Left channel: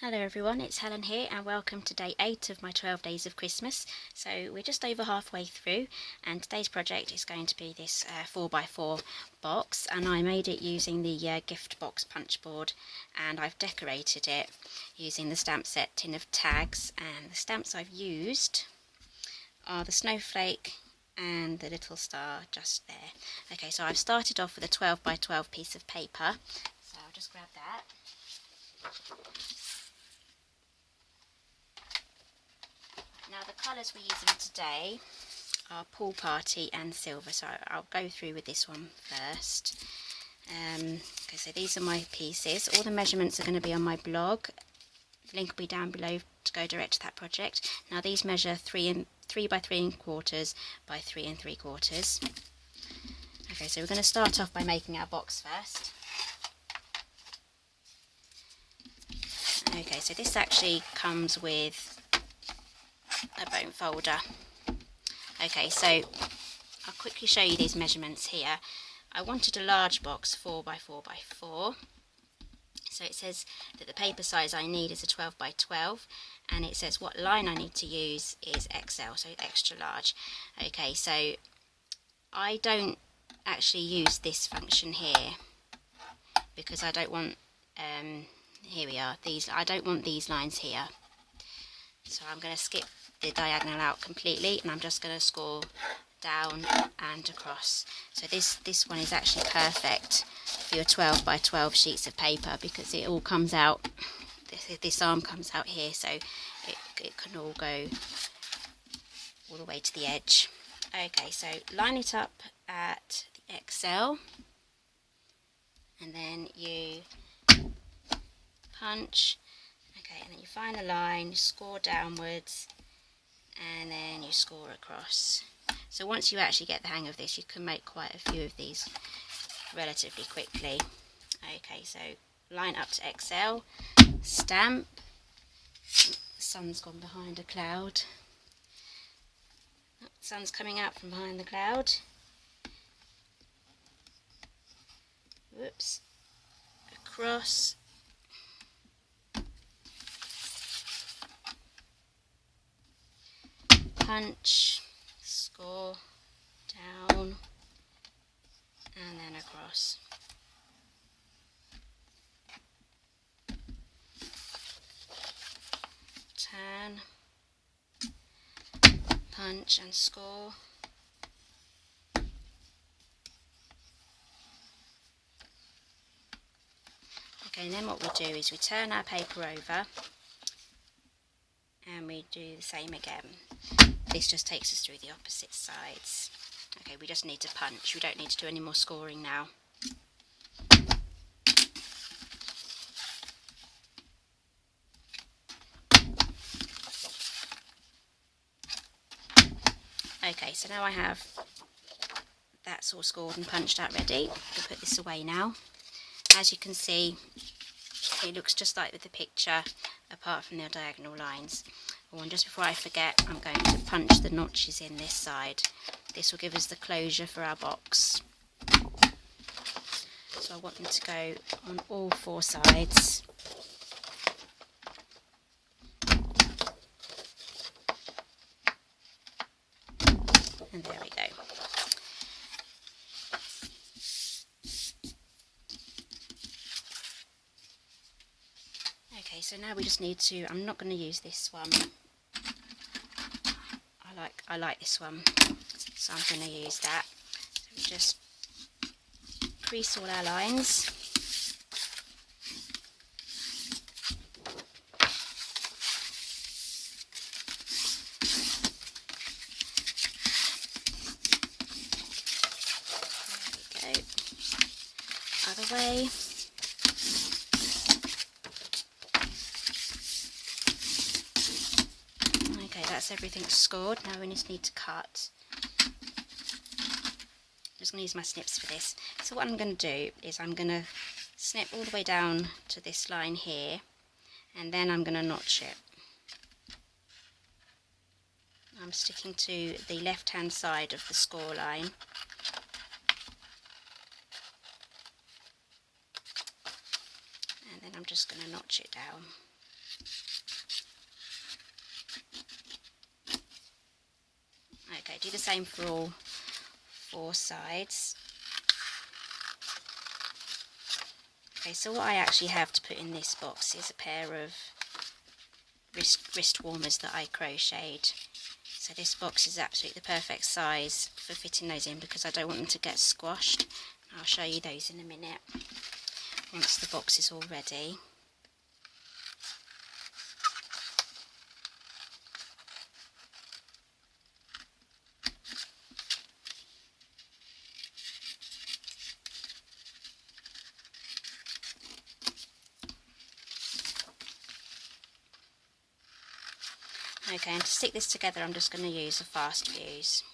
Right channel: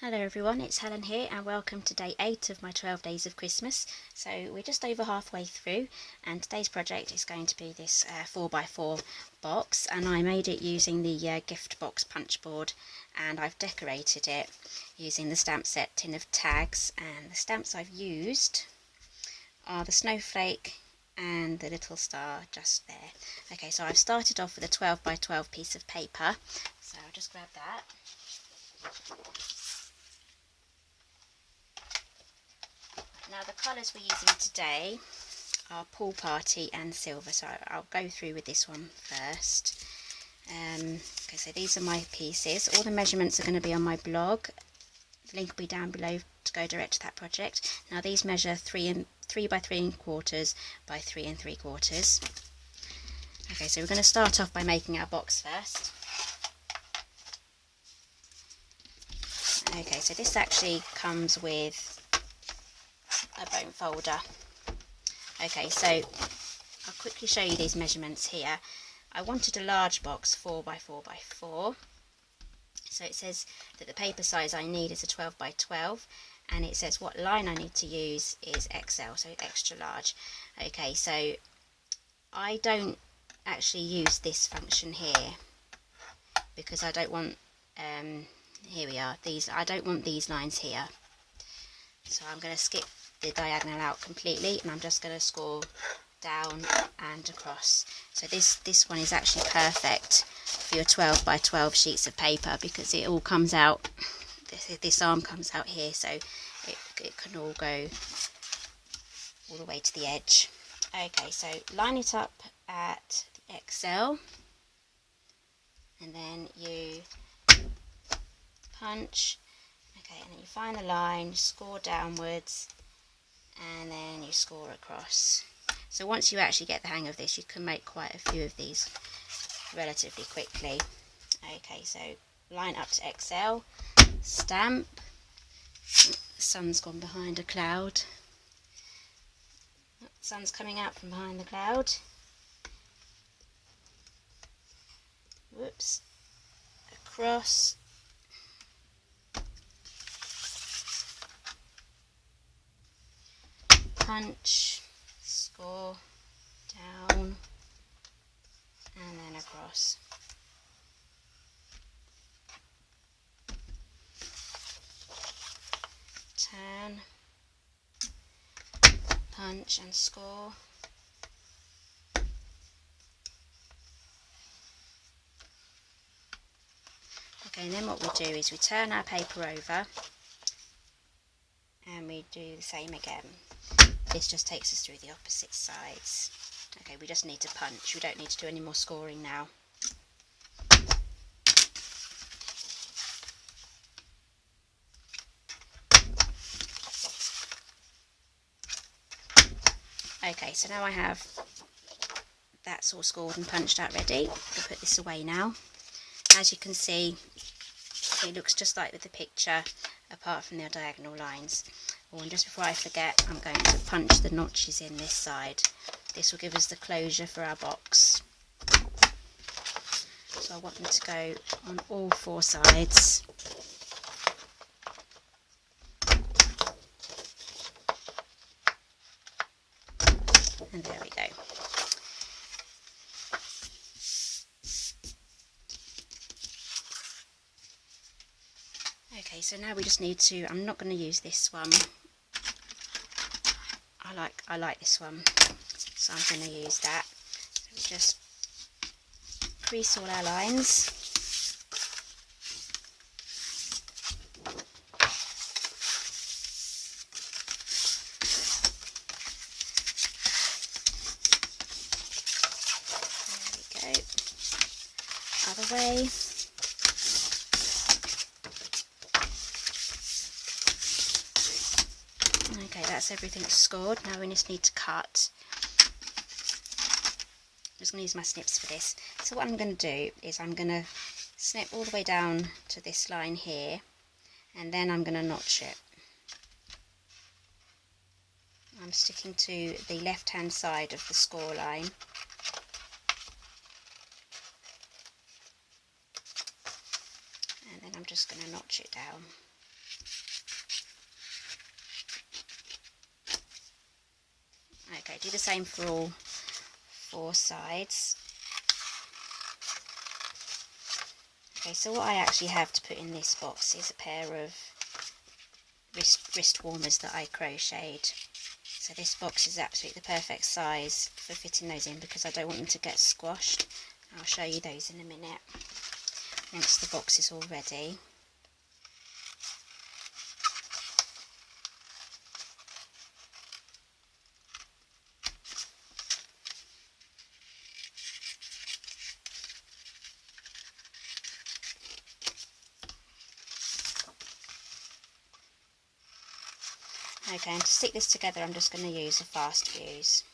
Hello everyone, it's Helen here and welcome to day 8 of my 12 days of Christmas. So we're just over halfway through and today's project is going to be this 4x4 box, and I made it using the Giftbox punch board, and I've decorated it using the stamp set tin of tags, and the stamps I've used are the Snowflake and the little star just there. Okay, so I've started off with a 12x12 piece of paper, so I'll just grab that. Now the colours we're using today are Pool Party and Silver, so I'll go through with this one first. Okay, so these are my pieces. All the measurements are going to be on my blog. The link will be down below to go direct to that project. Now these measure 3 by 3¼ by 3 3/4. Okay, so we're going to start off by making our box first. Okay, so this actually comes with a bone folder. Okay, so I'll quickly show you these measurements here. I wanted a large box, 4 by 4 by 4. So it says that the paper size I need is a 12 by 12, and it says what line I need to use is XL, so extra large. Okay, so I don't actually use this function here because I don't want here we are, I don't want these lines here, so I'm going to skip the diagonal out completely, and I'm just going to score down and across. So this one is actually perfect for your 12 by 12 sheets of paper because it all comes out, this arm comes out here, so it can all go all the way to the edge. Okay, so line it up at the XL, and then you punch. Okay, and then you find the line, score downwards, and then you score across. So once you actually get the hang of this, you can make quite a few of these relatively quickly. Okay, so line up to XL, stamp. The sun's gone behind a cloud. The sun's coming out from behind the cloud. Whoops. Across. Punch, score, down, and then across. Turn, punch and score. Okay, and then what we do is we turn our paper over and we do the same again. This just takes us through the opposite sides. Okay, we just need to punch. We don't need to do any more scoring now. Okay, so now I have that's all scored and punched out ready. I'll put this away now. As you can see, it looks just like with the picture, apart from the diagonal lines. Oh, and just before I forget, I'm going to punch the notches in this side. This will give us the closure for our box. So I want them to go on all 4 sides. And there we go. Okay, so now we just need to, I'm not going to use this one. I like this one, so I'm going to use that. So we just crease all our lines. There we go. Other way. Okay, that's everything scored. Now we just need to cut. I'm just going to use my snips for this. So what I'm going to do is I'm going to snip all the way down to this line here, and then I'm going to notch it. I'm sticking to the left hand side of the score line. And then I'm just going to notch it down. do the same for all 4 sides. Okay, so what I actually have to put in this box is a pair of wrist warmers that I crocheted. So this box is absolutely the perfect size for fitting those in because I don't want them to get squashed. I'll show you those in a minute once the box is all ready. Okay, and to stick this together I'm just going to use a fast fuse.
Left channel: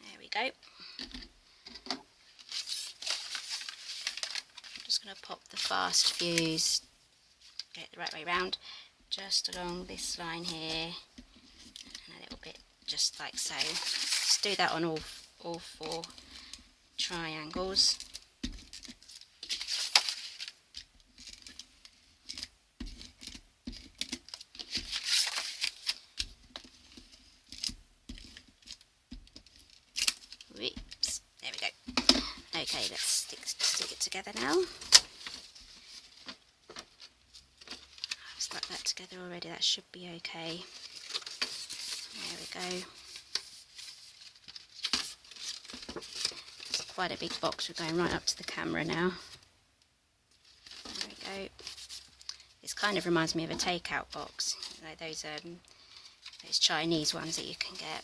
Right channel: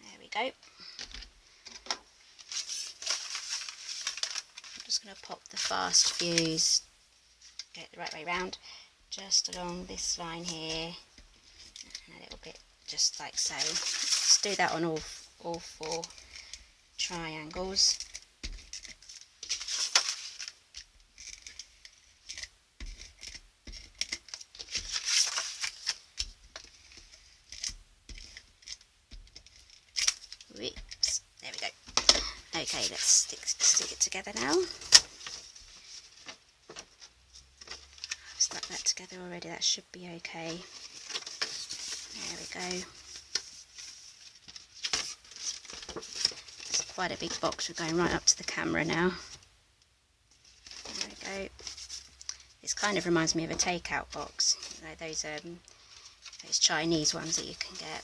There we go. I'm just going to pop the fast fuse, get it the right way round, just along this line here, and a little bit just like so. Just do that on all 4 triangles. Whoops, there we go. Okay, let's stick it together now. I've stuck that together already, that should be okay. There we go. It's quite a big box, we're going right up to the camera now. There we go. This kind of reminds me of a takeout box, you know, those Chinese ones that you can get.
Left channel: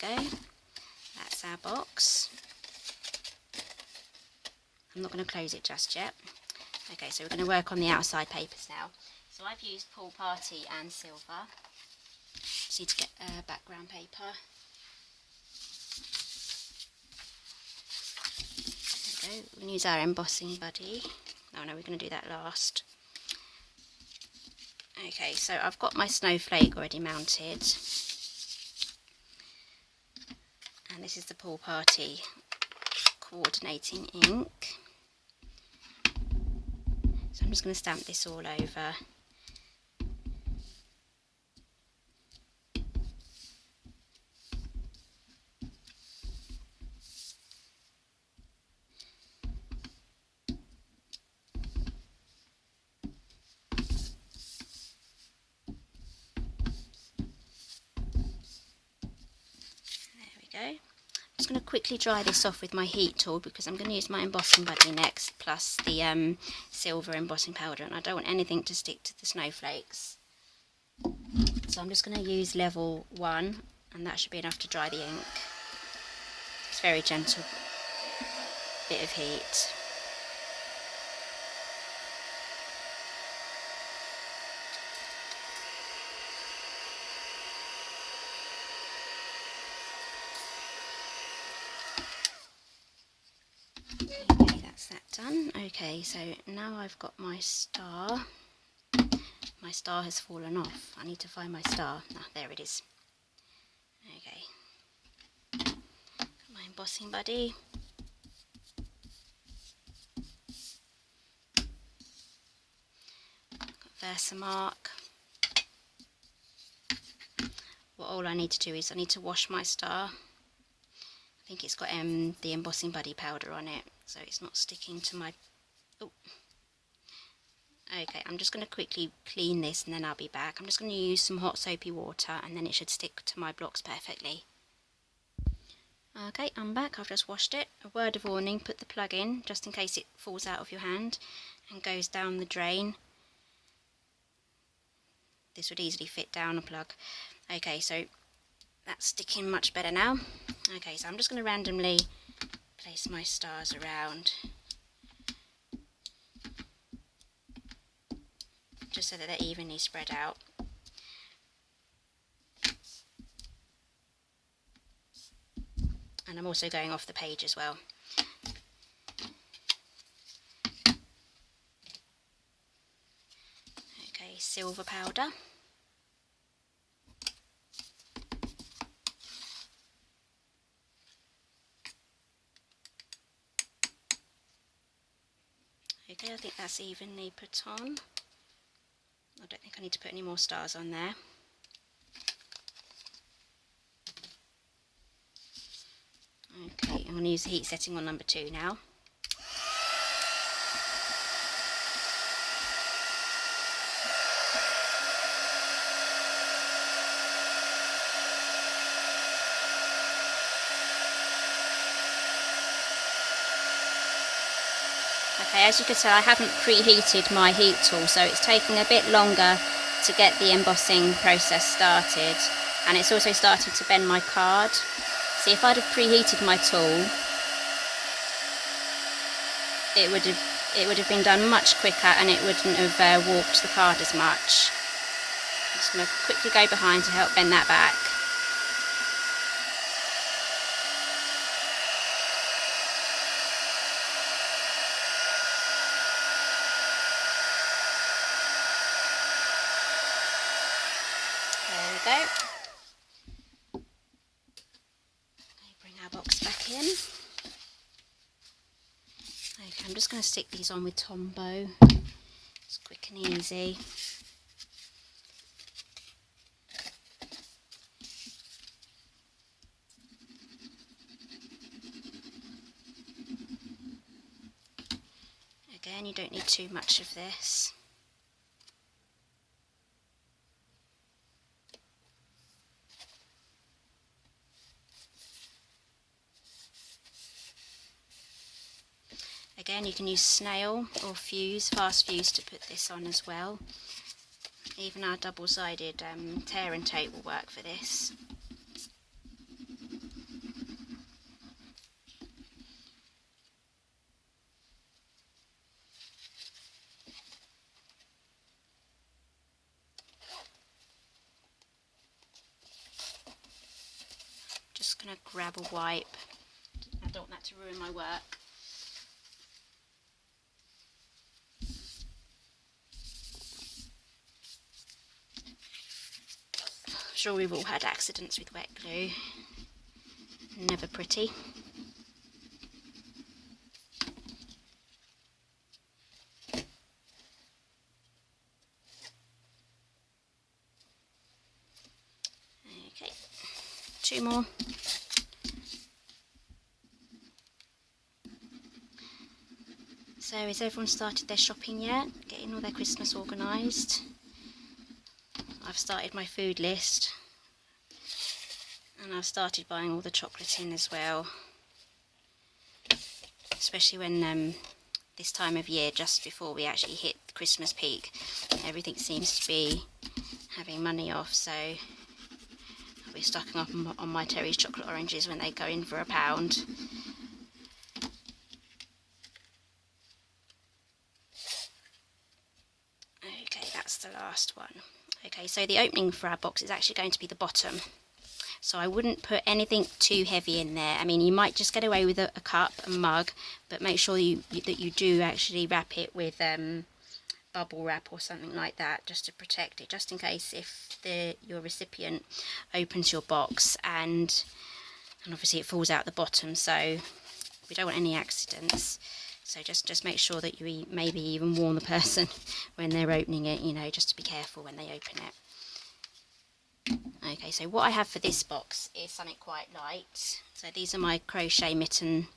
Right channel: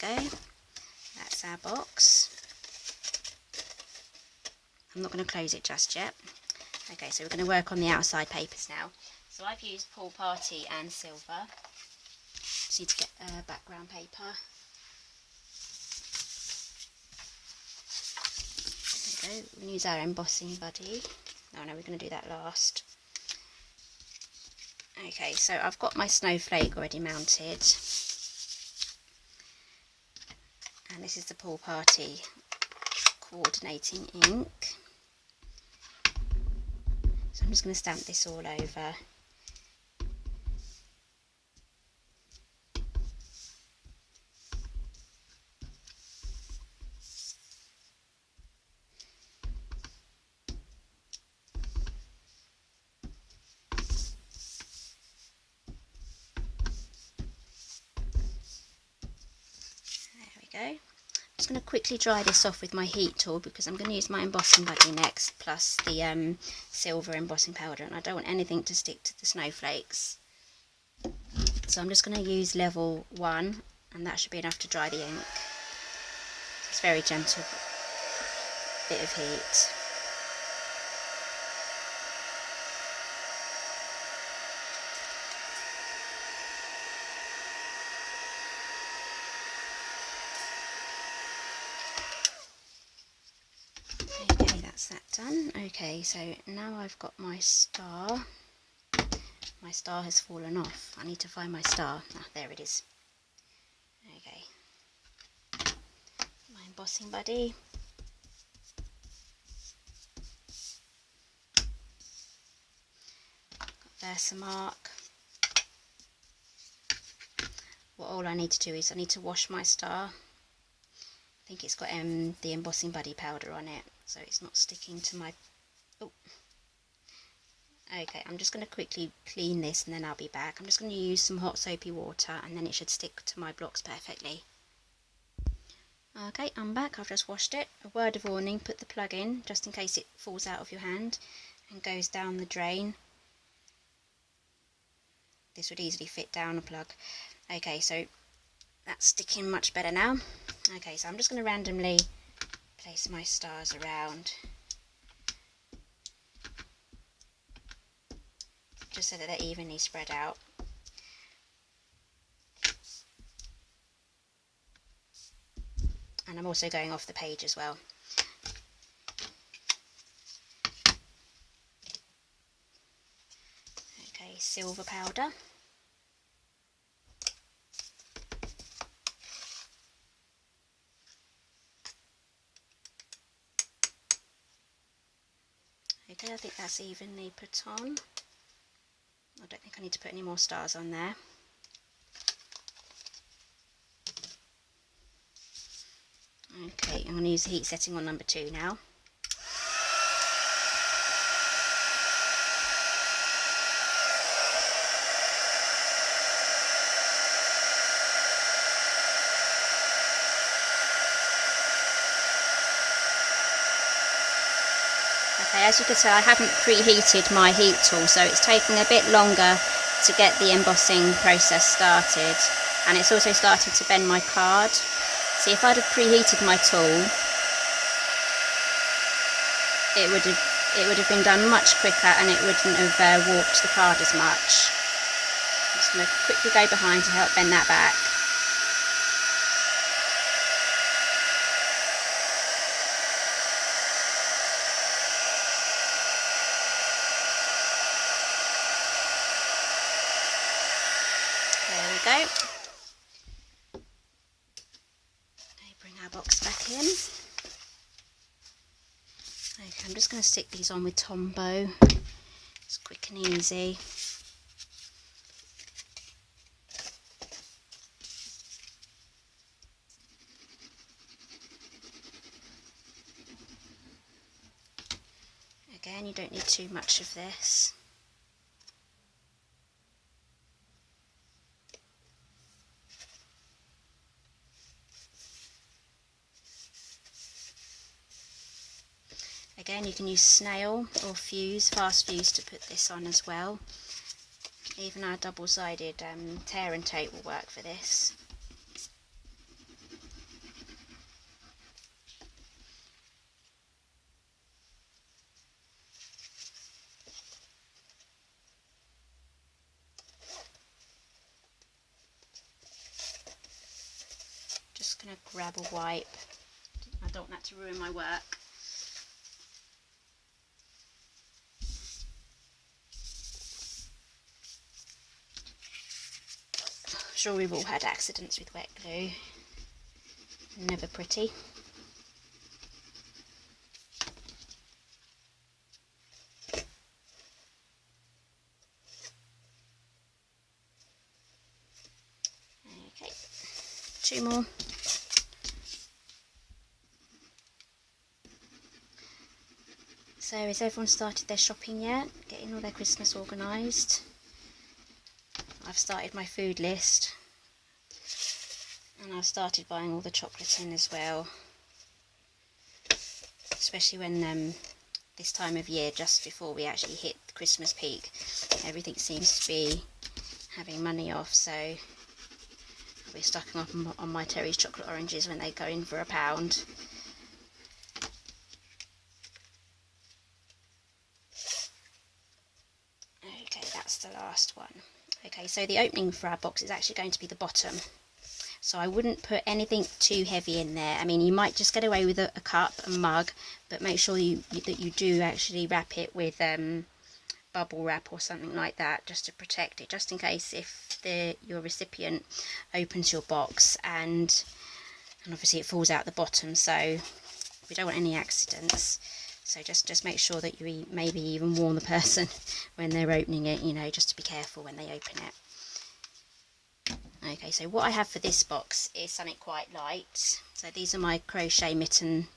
Go. That's our box. I'm not going to close it just yet. Okay, so we're going to work on the outside papers now. So I've used Pool Party and silver. Just need to get background paper. There we go. We can use our embossing buddy. Oh no, we're going to do that last. Okay, so I've got my Snowflake already mounted. And this is the Pool Party coordinating ink. So I'm just going to stamp this all over. I'm just going to quickly dry this off with my heat tool because I'm going to use my embossing buddy next, plus the silver embossing powder, and I don't want anything to stick to the snowflakes. So I'm just going to use level 1, and that should be enough to dry the ink. It's very gentle bit of heat. Okay, that's that done. Okay, so now I've got my star. My star has fallen off. I need to find my star. Ah, there it is. Okay. My embossing buddy. Got Versamark. What all I need to do is I need to wash my star. I think it's got the embossing buddy powder on it, so it's not sticking to my... Oh. Okay, I'm just going to quickly clean this and then I'll be back. I'm just going to use some hot soapy water and then it should stick to my blocks perfectly. Okay, I'm back. I've just washed it. A word of warning, put the plug in just in case it falls out of your hand and goes down the drain. This would easily fit down a plug. Okay, so that's sticking much better now. Okay, so I'm just going to randomly place my stars around, just so that they're evenly spread out. And I'm also going off the page as well. silver powder. Okay, I think that's evenly put on. I don't think I need to put any more stars on there. Okay, I'm going to use the heat setting on number 2 now. Okay, as you can tell, I haven't preheated my heat tool, so it's taking a bit longer to get the embossing process started, and it's also started to bend my card. See, if I'd have preheated my tool, it would have been done much quicker, and it wouldn't have warped the card as much. I'm just going to quickly go behind to help bend that back. There we go. Bring our box back in. Okay, I'm just going to stick these on with Tombow. It's quick and easy. Again, you don't need too much of this. Again, you can use snail or fuse, fast fuse, to put this on as well. Even our double-sided tear and tape will work for this. Just going to grab a wipe. I don't want that to ruin my work. I'm sure we've all had accidents with wet glue. Never pretty. Okay, 2 more. So has everyone started their shopping yet? Getting all their Christmas organised? I've started my food list, and I've started buying all the chocolate in as well, especially when this time of year, just before we actually hit the Christmas peak, everything seems to be having money off, so I'll be stocking up on my Terry's chocolate oranges when they go in for £1. Okay, that's the last one. Okay, so the opening for our box is actually going to be the bottom. So I wouldn't put anything too heavy in there. I mean, you might just get away with a cup, a mug, but make sure that you do actually wrap it with bubble wrap or something like that, just to protect it, just in case if your recipient opens your box and obviously it falls out the bottom. So we don't want any accidents. So just make sure that you maybe even warn the person when they're opening it, you know, just to be careful when they open it. Okay, so what I have for this box is something quite light. So these are my crochet mitten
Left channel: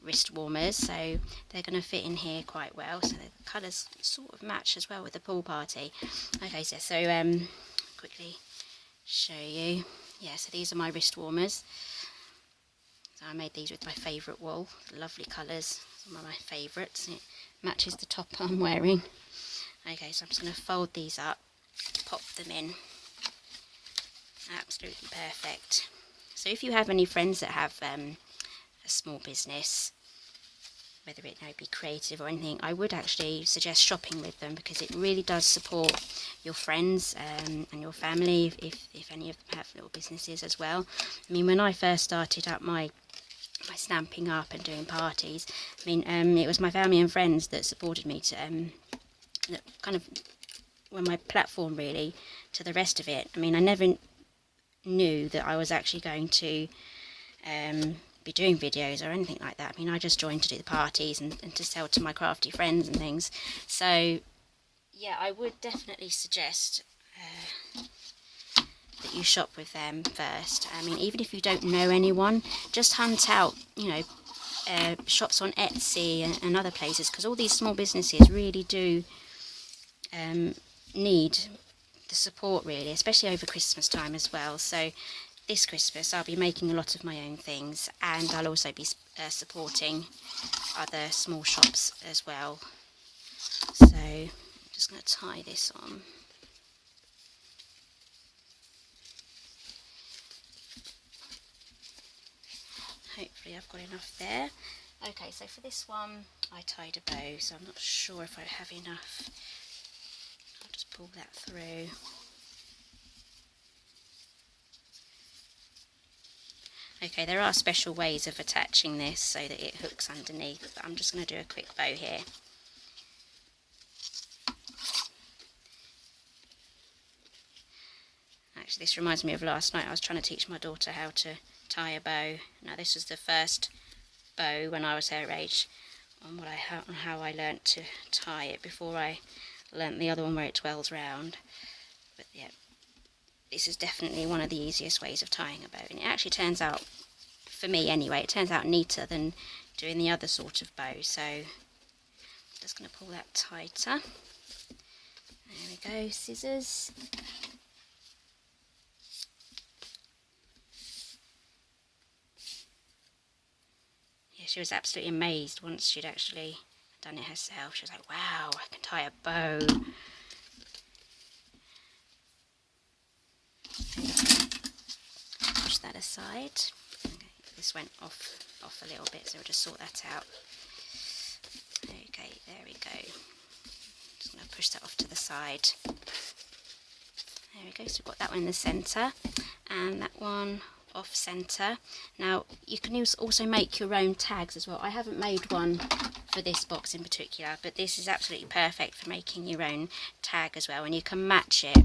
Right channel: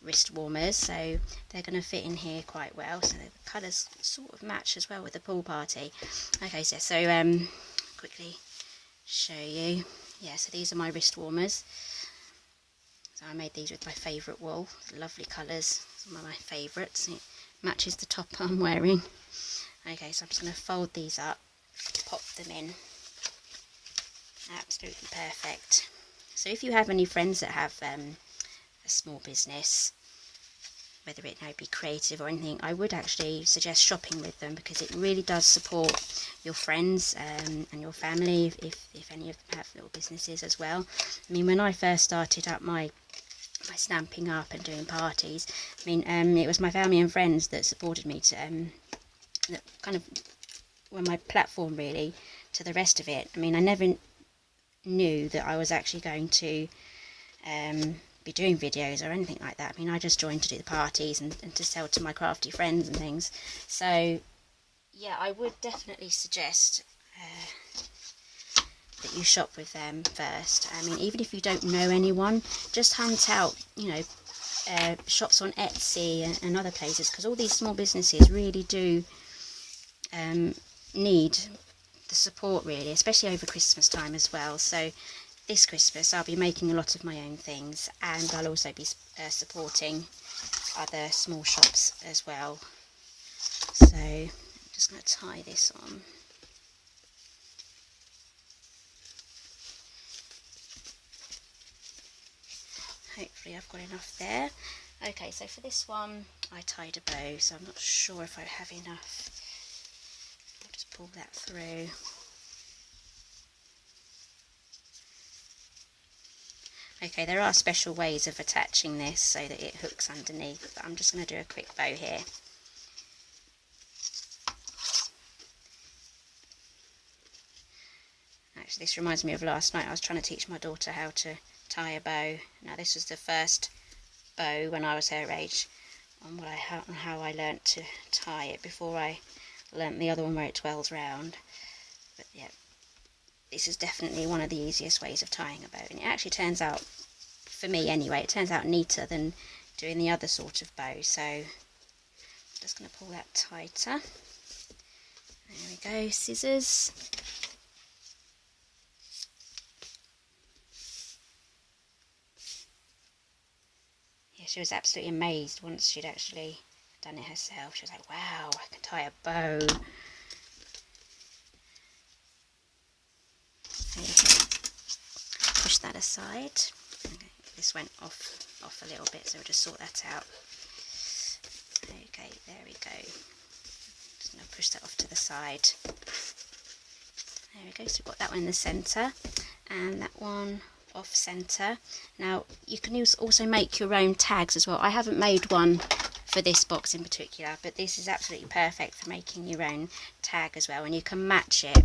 wrist warmers, so they're going to fit in here quite well. So the colours sort of match as well with the pool party. Okay, so quickly show you. Yeah, so these are my wrist warmers. So I made these with my favourite wool, lovely colours, some of my favourites. It matches the top I'm wearing. Okay, so I'm just going to fold these up, pop them in. Absolutely perfect. So if you have any friends that have a small business, whether it now be creative or anything, I would actually suggest shopping with them, because it really does support your friends and your family if any of them have little businesses as well. I mean, when I first started up my stamping up and doing parties, I mean, it was my family and friends that supported me to that kind of my platform really to the rest of it. I mean, I never knew that I was actually going to be doing videos or anything like that. I mean, I just joined to do the parties and to sell to my crafty friends and things. So yeah, I would definitely suggest that you shop with them first. I mean, even if you don't know anyone, just hunt out, you know, shops on Etsy and other places, because all these small businesses really do need the support really, especially over Christmas time as well. So this Christmas I'll be making a lot of my own things, and I'll also be supporting other small shops as well. So I'm just going to tie this on. Hopefully I've got enough there. Okay, so for this one I tied a bow, so I'm not sure if I have enough. I'll just pull that through. Okay, there are special ways of attaching this so that it hooks underneath, but I'm just going to do a quick bow here. Actually, this reminds me of last night. I was trying to teach my daughter how to tie a bow. Now, this was the first bow when I was her age on how I learnt to tie it before I learnt the other one where it twirls round. But yeah, this is definitely one of the easiest ways of tying a bow, and it actually turns out, for me anyway, it turns out neater than doing the other sort of bow. So I'm just going to pull that tighter. There we go, scissors. Yeah, she was absolutely amazed once she'd actually done it herself. She was like, wow, I can tie a bow. Push that aside. Okay, this went off a little bit, so we'll just sort that out. Okay, there we go. Just going to push that off to the side. There we go, so we've got that one in the centre, and that one off centre. Now you can also make your own tags as well. I haven't made one for this box in particular, but this is absolutely perfect for making your own tag as well, and you can match it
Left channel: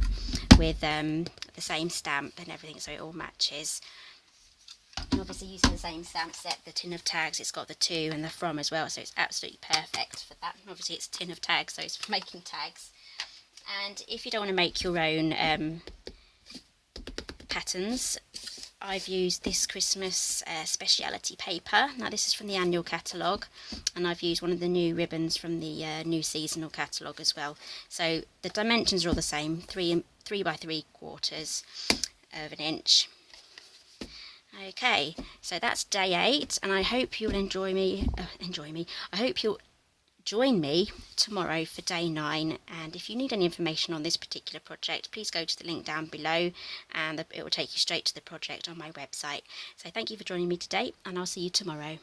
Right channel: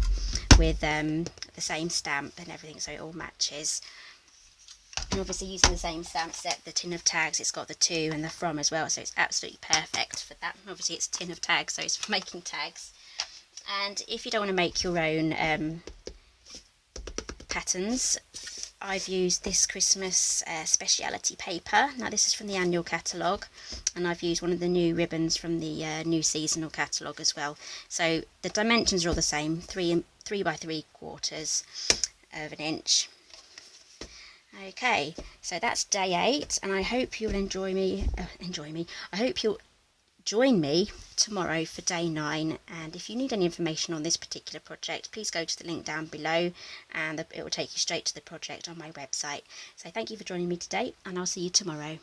with the same stamp and everything, so it all matches. And obviously using the same stamp set, the tin of tags, it's got the to and the from as well, so it's absolutely perfect for that. And obviously it's tin of tags, so it's for making tags. And if you don't want to make your own patterns, I've used this Christmas speciality paper. Now this is from the annual catalogue, and I've used one of the new ribbons from the new seasonal catalogue as well. So the dimensions are all the same, 3 by 3/4 of an inch. Okay, so that's day 8, and I hope you'll enjoy me. I hope you'll join me tomorrow for day 9, and if you need any information on this particular project, please go to the link down below, and it will take you straight to the project on my website. So thank you for joining me today, and I'll see you tomorrow.